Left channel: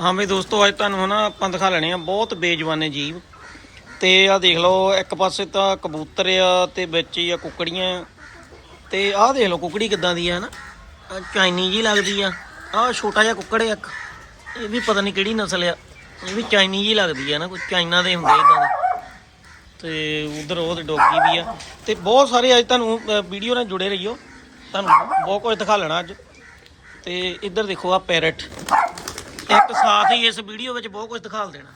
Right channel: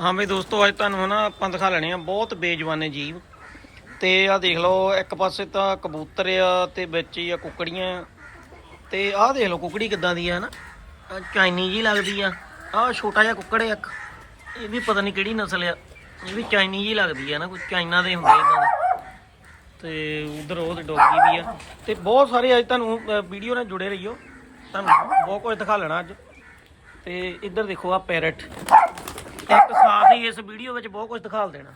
ਹਾਂ ਵੀ ਦੋਸਤੋ, ਅੱਜ ਤੁਹਾਨੂੰ ਨਾ ਆਪਾਂ ਦਿਖਾ ਲੈਣੇ ਆ ਬਹੁਤ ਬੇਜਵਾਨੇ ਜੀਵ। ਤੇ ਆ ਦੇਖ ਲਓ, ਇੱਕ ਪਾਸੇ ਤਾਂ ਕਬੂਤਰ ਆ ਤੇ ਵਿੱਚ ਹੀ ਆ ਕੁਕੜੀਆਂ। ਤੇ ਆਹ ਦੇਖ ਲਓ ਕੁਕੜੀ ਕਿੱਦਾਂ ਦੀ ਆ, ਹਨਾ? ਆਹ ਚਾਈਨੀ ਜੀ ਲੱਗਦੀ ਆ। ਆਹ ਛੋਟਾ ਜਿਹਾ ਕੁੱਕੜ ਆ ਇੱਕ। ਇਹ ਵੀ ਪਤਾ ਨਹੀਂ ਕਿਹੜੀ ਨਸਲ ਆ। ਇਹ ਵੀ ਚਾਈਨੀ ਜੀ ਲੱਗਦੀ ਆ ਨਾ ਕੋਈ ਚਾਈਨਾ ਦੇ ਹੁੰਦੇ ਇਦਾਂ ਦੇ। ਤੇ ਉਧਰ ਉਹਦੇ ਡੋਗੀ ਵੀ ਆ। ਤੇ ਬਹੁਤ ਸਾਰੇ ਅੱਜ ਤੁਹਾਨੂੰ ਵੀਡੀਓ ਨਾਲ ਜੁੜੇ ਰਹੀਓ। ਤੁਹਾਨੂੰ ਬਹੁਤ ਕੁਝ ਦਿਖਾ ਲੈਣਾ ਅੱਜ। ਤੇ ਇੱਧਰ ਦੇਖੋ ਆ ਪੈਰਟ। ਇੱਕ ਸਾਥ ਹੀ ਇਸ ਵੀਡੀਓ ਵਿੱਚ ਬਹੁਤ ਕੁਝ ਦਿਖਾਲ ਦੇਣਾ।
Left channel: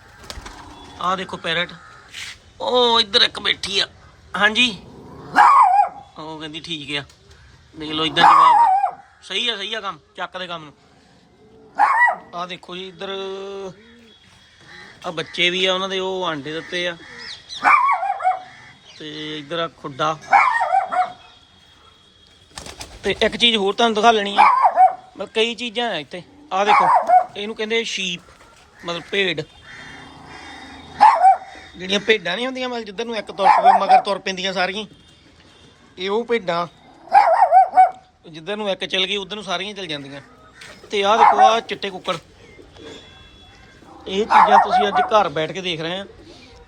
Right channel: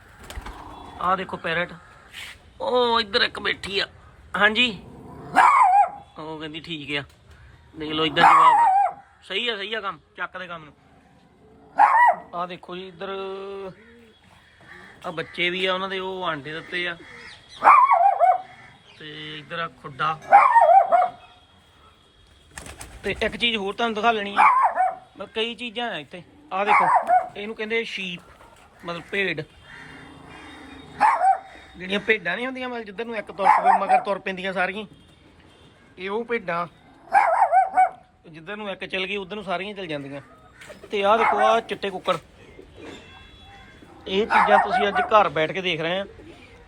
ਆਹ ਦੇਖੋ ਪੈਰਟ। ਉਹ ਇੱਧਰ ਇੱਕ ਬੈਠੀ ਆ। ਹਾਂਜੀ। ਉਹ ਕਹਿੰਦੀ ਠੀਕ ਆ। ਦੇਖ ਲਓ ਇੱਧਰ ਜਵਾਬ। ਸਹੀ ਆ ਸਹੀ ਆ ਕੰਮ। ਚੱਕ ਦੇ ਕੰਮ ਨੂੰ। ਆਹ ਦੇਖੋ ਜੀ ਇੱਧਰ। ਆ ਬੱਚੇ ਵੀ ਆ, ਉਹਨਾਂ ਦੇ ਉਹ ਆਂਡੇ ਦਿੱਤੇ ਆ। ਤੇ ਇੱਧਰ ਆ ਖੁੱਡਾ। ਤੇ ਇੱਕ ਚੀਜ਼ ਹੋਰ ਤੁਹਾਨੂੰ ਦਿਖਾ ਲੈਣੀ ਆ। ਮਤਲਬ ਕਈ ਚੀਜ਼ਾਂ ਆ ਇੱਥੇ। ਆਹ ਦੇਖੋ। ਇਹਨੂੰ ਕਹਿੰਦੇ ਸ਼ੀਪ ਮਤਲਬ ਭੇਡ। ਜਿਹੜੀਆਂ ਭੇਡਾਂ ਨਹੀਂ ਹੁੰਦੀਆਂ, ਮਤਲਬ ਜਿੱਧਰ ਨੂੰ ਇੱਕ ਤੁਰ ਪਵੇ, ਮਗਰ ਤੁਰ ਪੈਂਦੀਆਂ ਸਾਰੀਆਂ। ਇਹ ਉਹ ਭੇਡਾਂ, ਜਿੱਧਰ ਨੂੰ ਇੱਕ ਚਲ ਗਈ, ਉਧਰ ਨੂੰ ਸਾਰੀਆਂ ਚਲ ਜਾਂਦੀਆਂ। ਤੇ ਆਹ ਦੇਖੋ, ਆਹ ਚਿੱਟੇ ਕੁੱਕੜ। ਇਹ ਚੀਜ਼ਾਂ ਤੁਸੀਂ ਅੱਜ ਘਰ ਬੈਠ ਕੇ ਦੇਖ ਰਹੇ ਆ।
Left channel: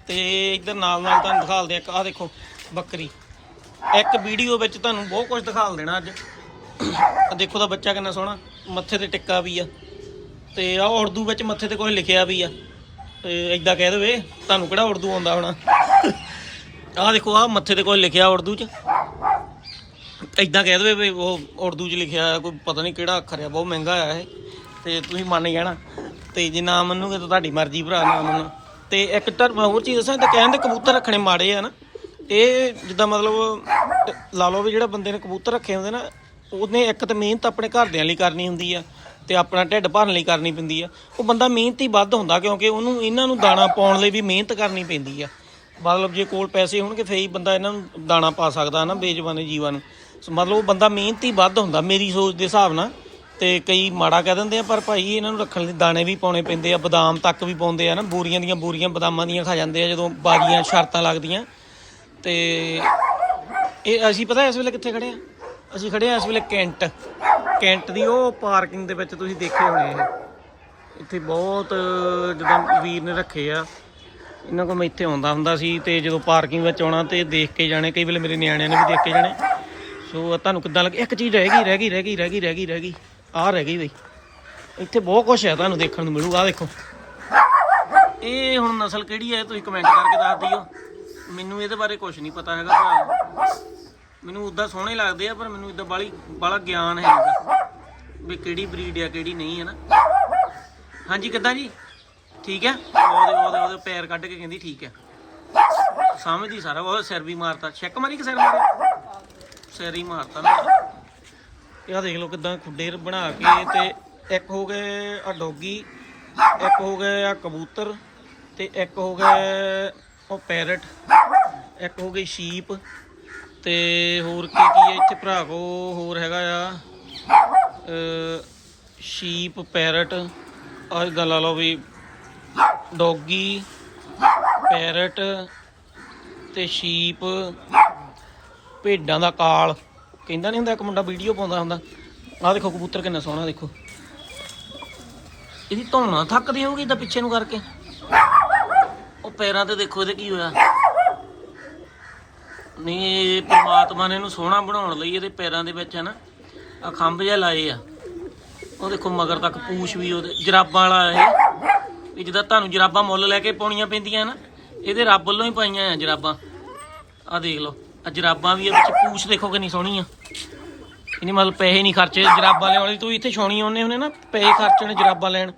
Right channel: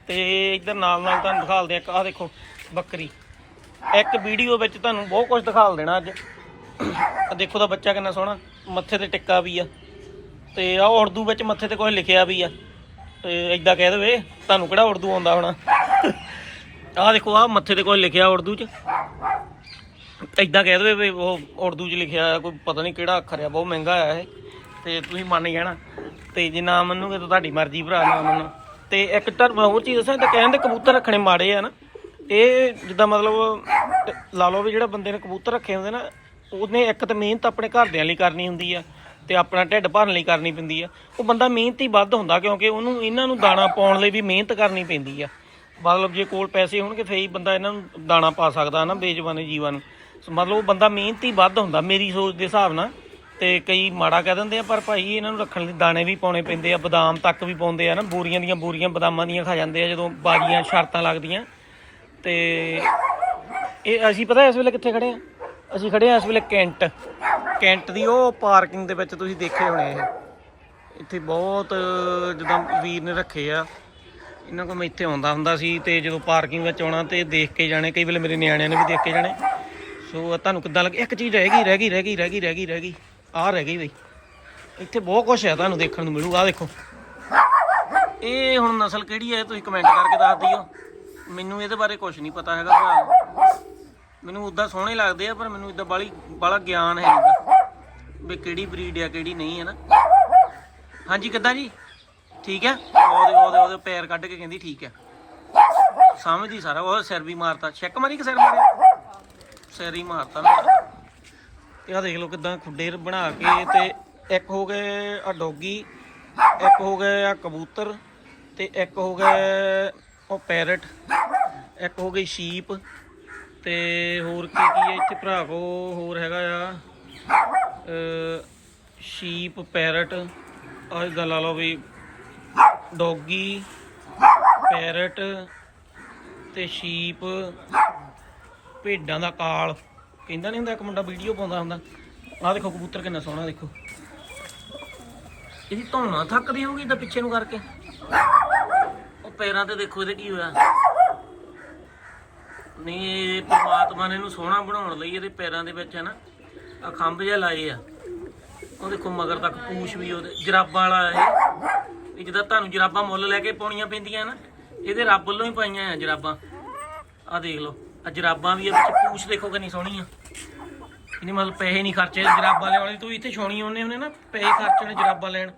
ਤੇ ਇੱਧਰ ਨਾਲ ਨਾਲ ਤੁਹਾਨੂੰ ਦਿਖਾਲਦੇ ਆ ਇੱਕ, ਆਹ ਦੇਖੋ, ਬੱਕਰੀ। ਇੱਕ ਵੀਡੀਓ ਵਿੱਚ ਤੁਹਾਨੂੰ ਬਹੁਤ ਕੁਝ ਦਿਖਾਲ ਦੇਣਾ ਅੱਜ। ਦੇਖੋ ਦਾ ਬੱਚਾ ਕਿੰਨਾ ਸੋਹਣਾ, ਮੱਥੇ ਤੇ ਟਿੱਕਾ ਵੀ ਆ। ਤੇ ਆ ਉਰਦੂ ਵਿੱਚ ਮੱਥੇ ਤੇ ਕੁਝ ਲਿਖਿਆ ਵੀ ਆ। ਤੇ ਇਦਾਂ ਕਹਿ ਦੇਵੇ, ਤੁਹਾਨੂੰ ਕਿਹੜਾ ਉਰਦੂ ਆਉਂਦਾ ਹੋਣਾ? ਆਹ ਦੇਖੋ ਆ ਮੱਥੇ ਤੇ ਕੁਝ ਲਿਖਿਆ ਉਰਦੂ 'ਚ। ਇਦਾਂ ਕਹਿ ਦੇਵੇ ਵੀ ਉਹ ਉਰਦੂ 'ਚ ਲਿਖਿਆ ਕੋਈ ਪਤਾ ਨਹੀਂ ਕਿਹੜਾ ਅੱਖਰ ਆ ਬਹੁਤ ਮਹਿੰਗਾ ਆ ਇਹ। ਤੇ ਤੁਸੀਂ ਮੰਨ ਜਾਣਾ। ਤੇ ਜੇ ਨਾ ਮੰਨੂਗੇ ਤਾਂ ਤੁਹਾਡੀ ਮਰਜ਼ੀ ਭਰਾ, ਨਾ ਮੰਨੋ। ਤੇ ਇੱਕ ਤਾਂ ਹੋਰ ਚੀਜ਼ ਦੱਸਾਂ ਤੇ ਕਹਿੰਦੇ ਕਬੂਤਰ ਰੱਖਣੇ ਮਾੜੇ ਆ ਨਾ। ਇਹ ਜਿੱਦਾਂ ਮਤਲਬ, ਲਾ ਲਓ ਵੀ ਜਿਹੜਾ ਬੰਦੇ ਨੇ ਕਬੂਤਰ ਰੱਖੇ ਹੁੰਦੇ ਨਾ, ਉਹਨੇ ਇੱਕ ਤਾਂ ਮਿਹਨਤ ਆਪਣੇ ਘਰਦਿਆਂ ਲਈ ਕਰਨੀ ਹੁੰਦੀ ਆ। ਤੇ ਆਪਣਾ ਢਿੱਡ ਭਰਨ ਲਈ ਕਰਨੀ ਪੈਂਦੀ ਆ। ਉਹ ਬੰਦਾ ਮਿਹਨਤੀ ਵੱਧ ਹੁੰਦਾ ਕਿਉਂਕਿ ਉਹਨੂੰ ਇਹਨਾਂ ਨੂੰ ਦਾਣਾ ਪਾਉਣ ਲਈ ਵੀ ਮਿਹਨਤ ਕਰਨੀ ਪੈਂਦੀ ਆ। ਮਤਲਬ ਜੇ ਕੋਲ ਪੈਸੇ ਹੋਣਗੇ, ਫੇਰ ਹੀ ਬੰਦਾ ਇਹਨਾਂ ਨੂੰ ਦਾਣਾ ਪਾ ਸਕਦਾ ਨਾ ਬੇਜਵਾਨੇ ਜੀਵਾਂ ਨੂੰ। ਮਤਲਬ ਉਹ ਬੰਦਾ ਮਿਹਨਤੀ ਵੱਧ ਹੁੰਦਾ, ਮੇਰੀ ਸੋਚ ਦੇ ਹਿਸਾਬ ਨਾਲ। ਤੇ ਕਈ ਮਾੜਾ ਕਹਿ ਦਿੰਦੇ ਆ, ਪਰ ਭਾਈ ਇਹਨਾਂ ਨੂੰ ਰੱਖਣ ਲਈ ਦਾਣੇ ਵੀ ਪਾਉਣੇ ਪੈਂਦੇ ਆ, ਬਦਾਮ ਤੱਕ ਵੀ ਪਾਉਂਦੇ ਆ ਨਾ ਬੋਰੀਆਂ ਦੀਆਂ ਬੂਰੀਆਂ ਬਦਾਮਾਂ ਦੀਆਂ ਖਾ ਜਾਂਦੇ ਆ, ਜਦੋਂ ਬਾਜੀਆਂ, ਸ਼ਰਤਾਂ ਲੱਗਦੀਆਂ। ਤੇ ਇਹ ਅਸੀਂ ਪਤਾ ਇਸ ਵੇਲੇ ਕਿੱਥੇ ਖੜੇ ਆ? ਅਸੀਂ ਖੜੇ ਆ ਇਸ ਵੇਲੇ ਕੈਂਟ। ਕੈਂਟ ਦੀ ਉਹ ਪਾਰਕਿੰਗ ਦੇ ਵਿੱਚ ਤੁਸੀਂ ਦੇਖੇ ਹੋਣੇ ਇਹ। ਇੱਥੇ ਬਹੁਤ, ਜਦੋਂ ਵੀਰ ਨੇ ਰੱਖੇ ਆ। ਇਹਨਾਂ ਕੋਲ ਮੈਂ ਇੱਥੇ ਆਉਂਦਾ ਹੁੰਦਾ ਸੀ ਤੇ ਜਦੋਂ ਪਾਰਕਿੰਗ ਵਿੱਚ ਆਉਣਾ ਤੇ ਦੇਖ ਕੇ ਜਾਣੇ, ਕਈ ਵੇਲੇ ਮੇਰੇ ਨਿਆਣਿਆਂ ਨੇ ਵੀ ਦੇਖ ਕੇ ਜਾਣੇ। ਸੋ ਤੁਹਾਨੂੰ ਕਿੱਦਾਂ ਲੱਗੇ, ਇੱਕ ਚੀਜ਼ ਰਹਿ ਗਈ ਰਹਿ ਗਈ ਰਹਿ ਗਈ ਰਹਿ ਗਈ ਰਹਿ ਗਈ ਰਹਿ ਗਈ। ਆਹ ਰਹਿ ਗਈ ਬਈ। ਇੱਥੇ ਬਹੁਤ ਕੁਝ ਹੈ ਤੁਹਾਨੂੰ ਦੇਖਣ ਨੂੰ ਮਿਲੂਗਾ ਆਹ ਦੇਖੋ। ਇਹ ਹੁਣ ਨਸਲ ਕਿਹੜੀ ਹੈ, ਤੁਸੀਂ ਕਮੈਂਟ ਕਰਕੇ ਦੱਸ ਦਿਓ। ਮੈਨੂੰ ਇਹਦੇ ਬਾਰੇ ਕੁਝ ਨਹੀਂ ਪਤਾ ਹੈਗਾ ਭਰਾ। ਮੈਨੂੰ ਉਦਾਂ ਸੋਹਣੇ ਲੱਗਦੇ ਆ, ਪਰ ਮੈਨੂੰ ਇਦਾਂ ਬਾਲੀ ਬਾਲਾ ਗਿਆਨ ਹੈ ਨਹੀਂਗਾ ਵੀ ਕਿਹੜੀ ਬਰੀਡ ਆ, ਕਿਹੜੀ ਨਹੀਂ ਹੈ ਨਾ। ਹਾਂਜੀ, ਕਿੱਦਾਂ ਜੀ? ਠੀਕ ਹੈ? ਉਹਦੇ ਉਹਦੇ ਉਹਦੇ ਪੈਰ ਕੱਢ ਕੇ ਕਹਿੰਦੀ ਠੀਕ ਹੈ। ਸਮਝਦੀ ਸਾਰਾ। ਉਹ ਸਿਰ ਵੀ ਮਾਰਤਾ। ਛੱਕ ਮਾਰੀ ਕਿ ਸਿਰ ਮਾਰਿਆ? ਸਿਰ ਹੀ ਮਾਰਤਾ ਨਾ ਇਹ ਦੇਖ ਲਓ ਕਿਦਾਂ ਖੁੱਡੇ ਬਣਾ ਕੇ ਤੇ ਇੱਕ ਹੋ ਗਏ ਆ ਡੋਗੀ, ਇੱਕ ਹੋ ਗਏ ਆ ਕਬੂਤਰ ਤੇ ਇੱਕ ਹੋ ਗਏ ਉਹ ਪੈਰਟ ਇੱਕ ਹੋ ਗਈ ਸ਼ੀਪ। ਤੇ ਹੋਰ ਕੀ ਕੀ ਹੈ ਇੱਥੇ ਭਰਾ ਕੋ? ਹੋਰ ਹੈਗਾ ਆ ਸ਼ੀਪ ਪੈਰਟ ਆਹ ਇਦਾਂ ਲਾ ਲਓ ਵੀ ਡੋਗੀ ਪੈਰਟ ਤੇ ਸ਼ੀਪ ਭੇਡਾਂ ਦਾ ਕਾਲ। ਕਹਿੰਦਾ ਨਹੀਂ ਹੁੰਦਾ ਇੱਕ ਮੁੰਡਾ ਵੀਡੀਓ ਪਾਉਂਦਾ ਹੁੰਦਾ। ਆਹ ਦੇਖੋ ਕਬੂਤਰ ਕਿੰਨਾ ਸੋਹਣਾ ਦੇਖੋ। ਇਹਦੀ ਧੌਣਾ ਥੱਕਦੀ ਹੋਊਗੀ ਇਦਾਂ ਪਿੱਛੇ ਨੂੰ ਕਰਕੇ। ਉਹ ਪੈਰਾਂ ਤੇ ਦੇਖੋ ਇਹਦੇ ਕੀ ਹੋਇਆ। ਨਹੀਂ, ਇਹ ਪ੍ਰਮਾਤਮਾ ਨੇ ਇਹਨੂੰ ਸੋਹਣਾ ਬਣਾਉਣ ਲਈ ਇਹਦੇ ਪੈਰਾਂ ਦੇ ਵਿੱਚ ਹੈ ਨਾ ਆ ਖੰਭ ਜਿਹਾ ਲਾਏ ਆ। ਉਹ ਦੇਖੋ ਮਗਰ ਤੱਕ ਪੂਛ ਵੀ ਉਹਦੇ, ਜਰਾਬਾਂ ਵਾਲਾ ਇਹ। ਇਹ ਜਿੱਦਾਂ ਤੁਹਾਨੂੰ ਜਰਾਬਾਂ ਮੁੱਲ ਲੈ ਕੇ ਪਾਉਣੀਆਂ ਪੈਂਦੀਆਂ ਨਾ, ਇਹਦੇ ਰੱਬ ਵੱਲੋਂ ਹੀ ਪਾਈਆਂ ਆ ਜਰਾਬਾਂ। ਆ ਦੇਖ ਲਓ ਆ ਜਰਾਬਾਂ ਵੀ ਆ ਵਿੱਚ ਪੂਛ ਦੇਖੋ ਕਿੰਨੀ ਸੋਹਣੀ ਆ ਇਹਨੇ ਮਤਲਬ ਪੈਸੇ ਨਹੀਂ ਖਰਚੇ ਜਰਾਬਾਂ ਲਿਆਉਣ ਲਈ ਤੂੰ ਇੱਥੇ ਛਾਉਣੀ ਆਉਨੇ ਹੁੰਦੇ ਨਾ, ਪੈਸੇ ਖਰਚਣ ਜਰਾਬਾਂ ਲੈਣ।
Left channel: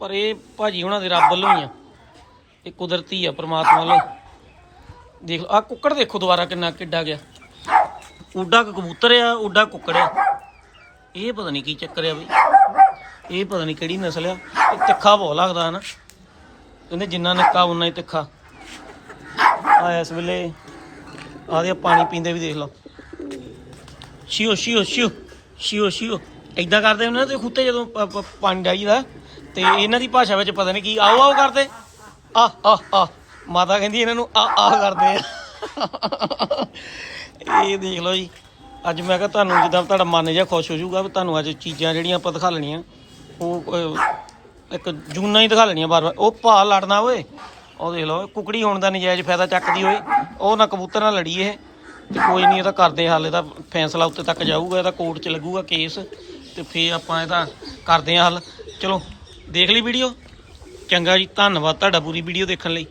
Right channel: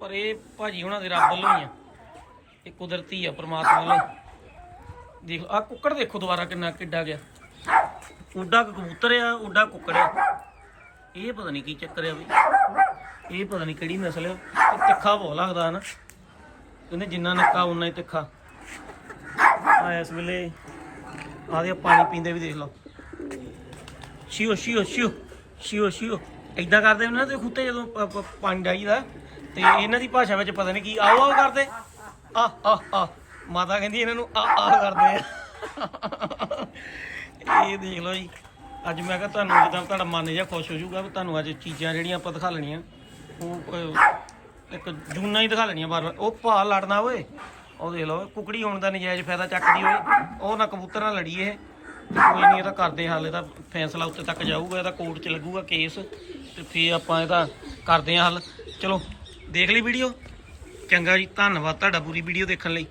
ਪਰ ਇਹ ਭਾਜੀ ਉਹਨਾਂ ਦੇ ਰੱਬ ਵੱਲੋਂ ਹੀ ਆ। ਇਹ ਕੁਦਰਤੀ ਆ ਪ੍ਰਮਾਤਮਾ ਵੱਲੋਂ। ਦੇਖ ਲਓ ਆ ਕੁੱਕੜ ਦੇਖੋ ਦੁਬਾਰਾ ਕਿੰਨਾ ਕਿੱਡਾ ਗਿਆ। ਉੱਡਾ ਕਬੂਤਰ ਆ, ਉੱਡਾ ਕੁੱਕੜ ਆ। ਇਹ ਪਤਾ ਨਹੀਂ ਕੀ ਚੱਕਰ ਆ ਬਈ। ਇਹ ਪਤਾ ਨਹੀਂ ਕਿਹੜੀ ਨਸਲ ਆ। ਇਹ ਤਿੱਖਾ ਬਹੁਤ ਲੱਗਦਾ ਹੈ ਨਾ ਕਹਿੰਦੇ ਜਿੰਨਾ ਨਿੱਕਾ ਉਨਾ ਹੀ ਤਿੱਖਾ। ਆ ਇਸ ਵੇਲੇ ਆਦੇ ਪਾਣੀ ਪੀਂਦੇ ਵੀ ਦੇਖ ਲਓ। ਸ਼ਿਓ ਸ਼ਿਓ ਸ਼ਿਓ ਸ਼ਿਓ ਸ਼ਿਓ ਐਦਾਂ ਕਰਦੇ ਹੁੰਦੇ ਨਾ ਤੇ ਖੁੱਤੇ ਜਦੋਂ ਪਾਣੀ ਡਾਈਦਾ ਤੇ ਇਹਨਾਂ ਦੀ ਭਾਸ਼ਾ ਵਿੱਚ ਪਤਾ ਨਹੀਂ ਕੀ ਆਓ ਆਓ ਕਰਦੇ। ਆ ਆ ਆ ਮਾਤਾ ਕਹਿੰਦੀ ਇਹਨਾਂ ਨੂੰ ਆ ਆ ਕਰਦੇ ਆ। ਇਹ ਦੇਖ ਲਓ ਜੀ। ਅੱਜ ਮੈਂ ਕਿਹਾ ਤੁਹਾਨੂੰ ਜਿੱਦਾਂ ਤੁਹਾਡਾ ਮਨ ਜਿਹਾ ਖੁਸ਼ ਹੋ ਜਾਊਗਾ ਵੀ ਤੁਹਾਨੂੰ ਅੱਜ ਚੀਜ਼ਾਂ ਜਿਹੜੀਆਂ ਆਪਾਂ ਦਿਖਾ ਲੈਣੀਆਂ। ਉਹ ਅਹ, ਇੱਕ ਜੂਨਾ ਹੀ ਦਿਖਾ ਲੈਣੀਆਂ ਬਾਰ ਬਾਰ। ਉਹ ਭਾ ਲੜਨਾ ਓਏ। ਉਹ ਦੇਖ ਲਓ ਕੁਕੜੀ ਹੋਣ ਦਾ ਨਜਾਇਜ਼ ਫਾਇਦਾ ਚੱਕਦੀ ਓਏ ਉਹ ਨਾ ਕਬੂਤਰ ਨਾਲ ਲੜੀ ਇਹ। ਤੇ ਕੋਈ ਨਹੀਂ ਇਹਦਾ ਕਰਦੇ ਹੱਲ। ਇਹਦਾ ਫੈਸਲਾ ਉੱਤੇ ਤੱਕ ਜਾਊਗਾ ਇਹਦਾ ਕੋਰਟ 'ਚ ਲੱਗੂਗਾ ਕੇਸ। ਤੇ ਫੇਰ ਆਪਾਂ ਇਹਦਾ ਕਰਦੇ ਹਾਂ ਹੱਲ। ਚਲੋ ਦੇਖ ਲਈ ਵੀਡੀਓ। ਚੰਗਾ ਜੀ ਧੰਨਵਾਦ ਤੁਹਾਡਾ ਪੂਰੀ ਵੀਡੀਓ ਦੇਖਣ ਲਈ।